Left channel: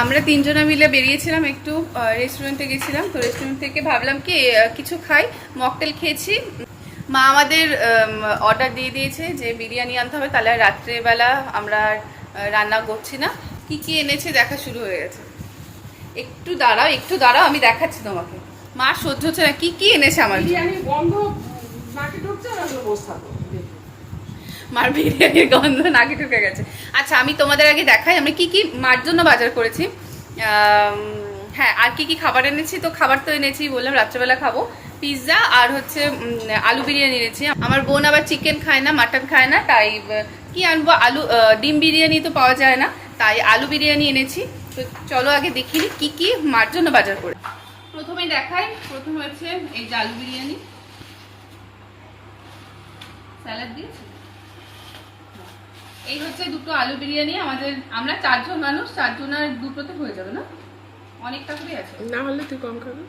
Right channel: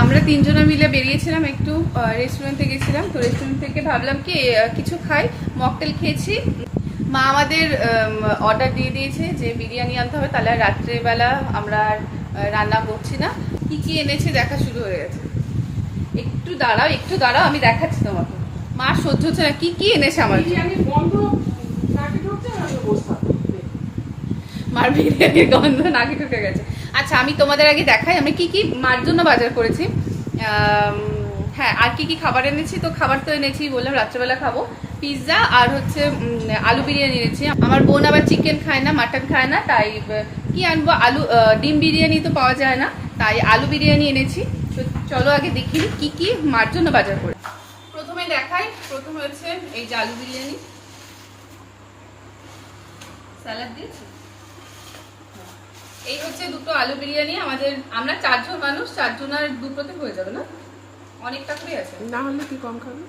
আমরা তিনজনে মিলে বেরিয়েছিলাম, একটু রেস্টুরেন্টে গেছিলাম। তো রেস্টুরেন্ট থেকে ভাবলাম কি কিছু খাই, মকটেল খেয়েছি। মা আমাদের অর্ডার দিয়ে দিয়েছে যে বিরিয়ানি আনতে হবে, তাহলে রাত্রেবেলা আমরা রান্না করছি না। কি কি এনেছে দেখা শুরু হয়ে গেছে। একটু দাঁড়াও আমি দেখাচ্ছি তোমাকে। মা সহ্য হচ্ছে না, কি কি এনেছে আমার মার বিরিয়ানির গন্ধ নাকে ঢুকে গেছে। আচ্ছা আমি তোমাদের আগে দেখাই আমি কি কি মার জন্য বাজার করেছি। হ্যাঁ, আর কি কি খাবার এনেছি। তো খাবার তো এনেছি, বললাম রাত্রেবেলা খাবো। পিৎজা আর হচ্ছে আলু বিরিয়ানি এনেছি। আমার বোন আবার চিকেন খায় না, মাটন খায় না, তাই কি আনবো, ডিম বিরিয়ানি তো পাওয়া যায় না, তাই আলু বিরিয়ানি এনেছি। তো চলো আগে দেখি কি কি মার জন্য বাজার করে। প্রথমে দেখাই, প্রথম হচ্ছে এই যে আলু বিরিয়ানি, স্যালাড দিয়েছি। এই হচ্ছে দুটো আলু বিরিয়ানি। আমরা 4 জন মানুষ, 4 জনের দুটোতে হয়ে যাবে না, অনেকটা করে আছে। না হলে তুই কম খাবি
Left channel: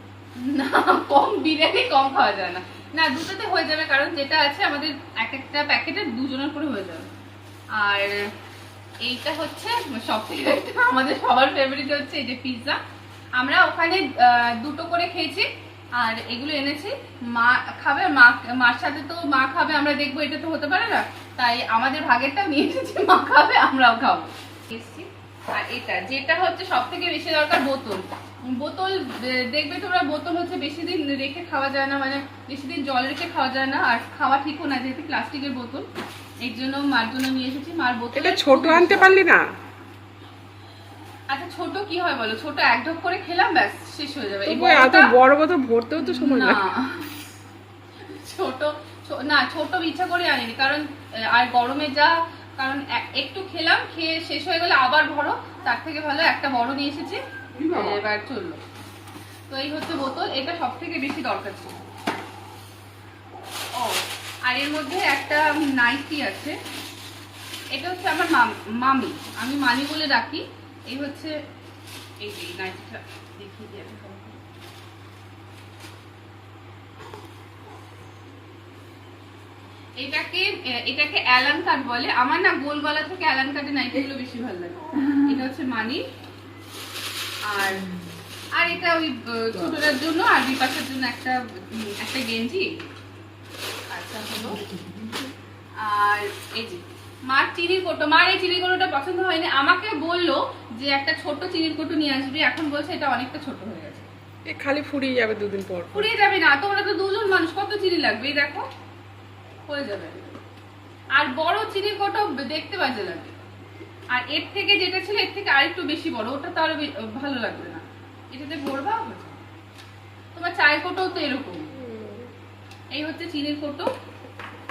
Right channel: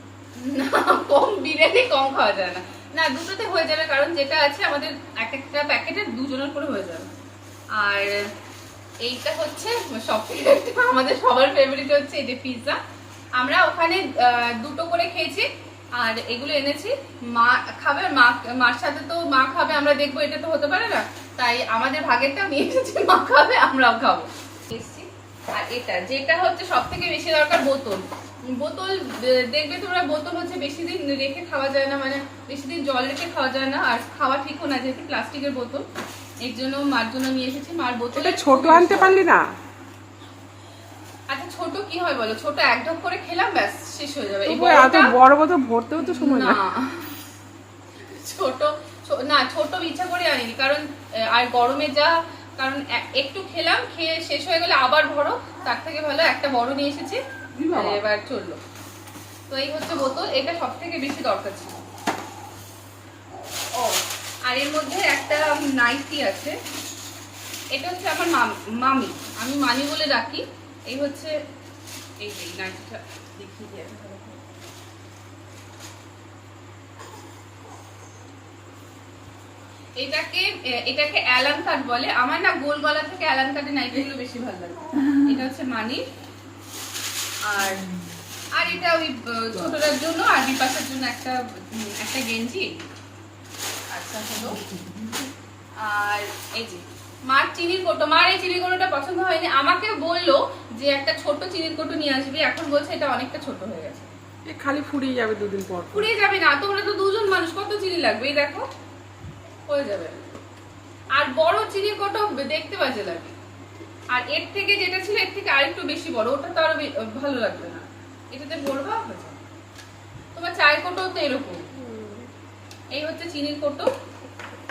না, কম বিরিয়ানি কম খাওয়া যায় না। না, দুটোতে হয়ে যাবে, কারণ যেটা আছে আমাদের একটা প্যাকেটে 2 জনের করে হয়ে যাবে। আর এইটা হচ্ছে সবথেকে আমাদের সবার ফেভারিট হচ্ছে এই যে পিৎজা। আমরা ওখানে দুটো করে খেয়েছি। আর এগুলো এনেছি, মা খাবে, মার সাথে তো মা খাবে, আমরা দেখবো, এটা তো হতে পারে না, তাই আমাদের ভাগেরটাও নিয়ে এসেছি, মা খাবে আমরাও খাবো। আর এটা যেটা হচ্ছে সব থেকে বেশি দরকার, বোতল দেখবে তোমরা, বোতল হচ্ছে বেশি দিন রেখে খাওয়া যায় না, মানে বেশি দিন জল রেখে খাওয়া যায় না, আর খাওয়া ঠিকও না, যেহেতু প্লাস্টিকের বোতল। এর জন্য মার জন্য নিয়ে এসেছি। মার বোতল এটা ছোট আনতে পারলি না? আচ্ছা ছোট কি হয় বলো, ছোট এক ঢোক করে খেলাম, ব্যাস শেষ হয়ে যাবে। এই এত বড় বোতল ভরতেও তো সময় লাগে। ছোট ইচ্ছা করে আনিনি, কারণ আর গরমে যা, কারণ একটু খেলাম, খেয়ে শেষ হয়ে গেলে আবার ভরো, তার থেকে ভালো একটা বড় নিয়ে এসেছি, এবার চললো। তো এই হচ্ছে বোতল, এটা সব থেকে বেশি দরকার ছিল। ও আর এর মধ্যে একটা নাইটি আছে, এটা হচ্ছে আমার মামি, আমি মামি বলে ডাকি। এই হচ্ছে এই যে নাইটিটা দেখিয়ে দিই। এটাকে অ্যালান কাট বলে। আমার না গোল গলা থেকে অ্যালান কাটের নাইটিগুলো বেশি ভালো লাগে। এটা হচ্ছে মানি। আর এটা ওই ছোটটার জন্য আর বিপাশের জন্য একটা গেঞ্জি। আচ্ছা হলো। আর এই যে মার চিনির কোটো, মার এই চিনির কোটোটা পছন্দ হয়নি, আমাকে বললো যে একটা ছোট চিনির কোটো নিয়ে আসবি, এখন বলছে এটা অনেকটা ছোট হয়ে গেছে। খালি ফুরিয়ে যাবে 2 দিন পর। ফুরিয়ে যাবে না, তোমরা তো 2 জন মানুষ, কত চিনি লাগবে, এই দেখো হয়ে যাবে। আর বড় চিনির কোটো দেখতে বাজে লাগে, আর এর থেকে যেটা ছিল এর থেকে আরেকটু বেশি বড়, ওটা তো আরো ভালো লাগবে না, এটাতে ভরবা হয়ে যাবে। তোমার চায়ের কোটো তো এরকম। এই হচ্ছে চিনির কোটো।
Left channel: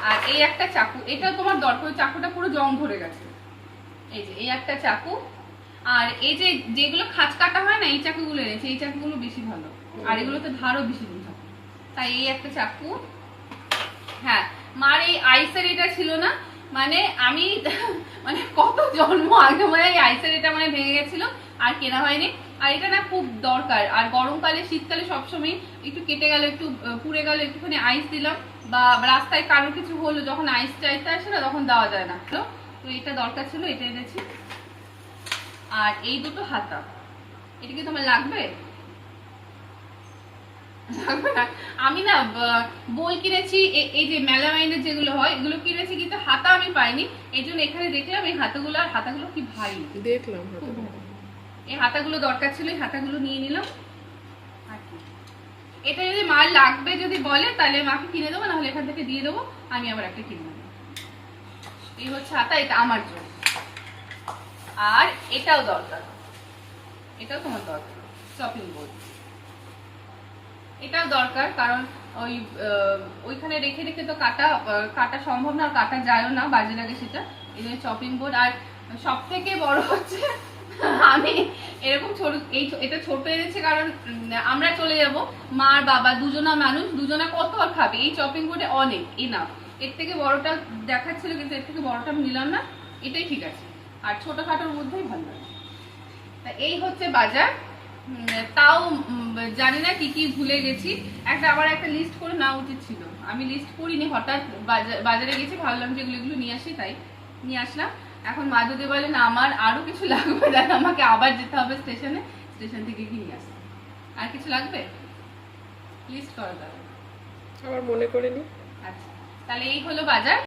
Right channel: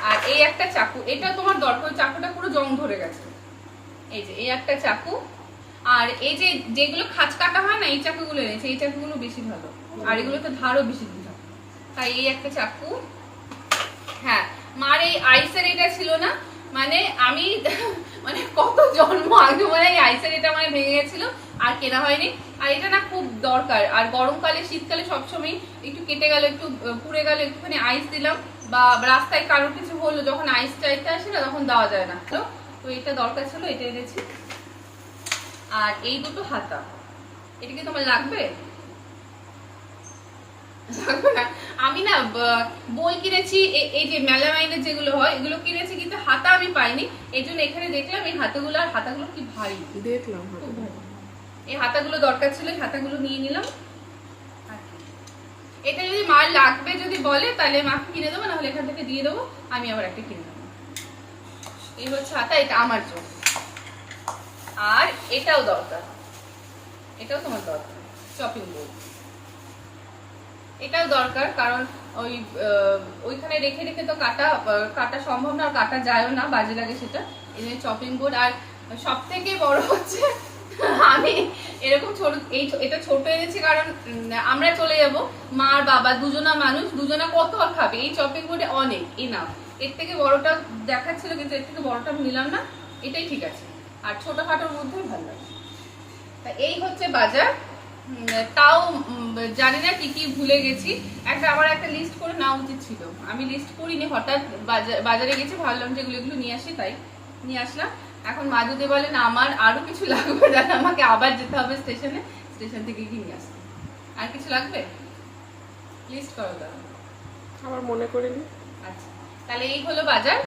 আর এই একটা চাকু, এটা তোমার দরকার, চাকুটা পুরো জং ধরে গেছে। এই যে এই একটা চাকু। আর এই যে যেগুলো খাঁচ কাটা হয় না, এই চাকুগুলো এনেছে, এই চাকুগুলো বেশি ভালো, আর এগুলোতে ধারও বেশি দিন থাকে, তাই এই একটা চাকু। হ্যাঁ, মার এই আইসের এটা ছিল না, মানে আমি মানে কত জন্ম আগে মনে হয় আইসের এটা মানে ভেঙে গেছিল, আর কেনা হয়নি। আর এটা না খুব দরকার, আর গরমকালে শীতকালে সবসময় একটু কেটে গেল, একটু পুড়ে গেল, একটুখানি আইস দিলাম, বা রাস্তায় কারোর কিছু হলো, যখন আইস চাইতে আসে না তখন দেওয়া যায় না, তো এটা দরকার ছিল, এটা এনেছি। আর এই দুটো হাতা, এটা কি তোমার লাগবে? আমি না বই কিনেছি, এই যে মেলামাইনের যেগুলো হয় এগুলো কিনেছি, কিন্তু হাতা আমি পাইনি, এই জন্য এখানে দেখলাম এই হাতাগুলো, আর হাতাগুলো কি ভারী দেখলাম, এই হাতাগুলো দরকার ছিল, এই হাতাগুলো নিয়ে নিলাম। এটা যদি মার লাগবে যদি বলে তাহলে মাকে কিনে দেবো, নাহলে এখান থেকে দিয়ে দেবো, আমি আবার একটা কিনে নেবো। এই হচ্ছে হাতা, এটা আমার জন্য। আর এটাও দরকার, এটাও তোমার দরকার, চপিং বোর্ড, এটাও দরকার, কারণ ওইখানে রেখে রেখে তো কাটা সম্ভব না, আর কাটা যায়ও না, বাজে লাগে সেটা, এই জন্য চপিং বোর্ড। আর সব থেকে বড় হচ্ছে আমি এরকম এটা ছোট এনেছি, কারণ আমরা চলে যাব, মা আর বাবা দুজনা মানুষ, দুজনা কত আর খাবে, এই চপিং বোর্ডে অনেক এনাফ। এর থেকে বড়টা দেখাচ্ছিল, কিন্তু এর থেকে বড়টা আমি নিলাম না, এটাই ঠিক আছে, আর ছোটখাটোর মধ্যেই ভালো লাগে। তা এই হচ্ছে বাজার। তাও জানি না কি কি ভুলে গেছি, আমার একটা লিস্ট করে নেওয়া উচিত ছিল, আমি লিস্ট করিনি, হঠাৎ বাজারে গেছি, ভাবলাম যে এগুলো নিয়ে আসি, তাই নিয়ে আসলাম। এখন মা যদি বলে না আমার আরো কিছু লাগবে, তাহলে আমাকে আবার যেতে হবে স্টেশনে, স্টেশন থেকে কিনে আসতে। আর কিছু লাগবে লিস্ট করো তাহলে। আবার মনে করে নি। আচ্ছা, তাহলে এই হলো বাজার।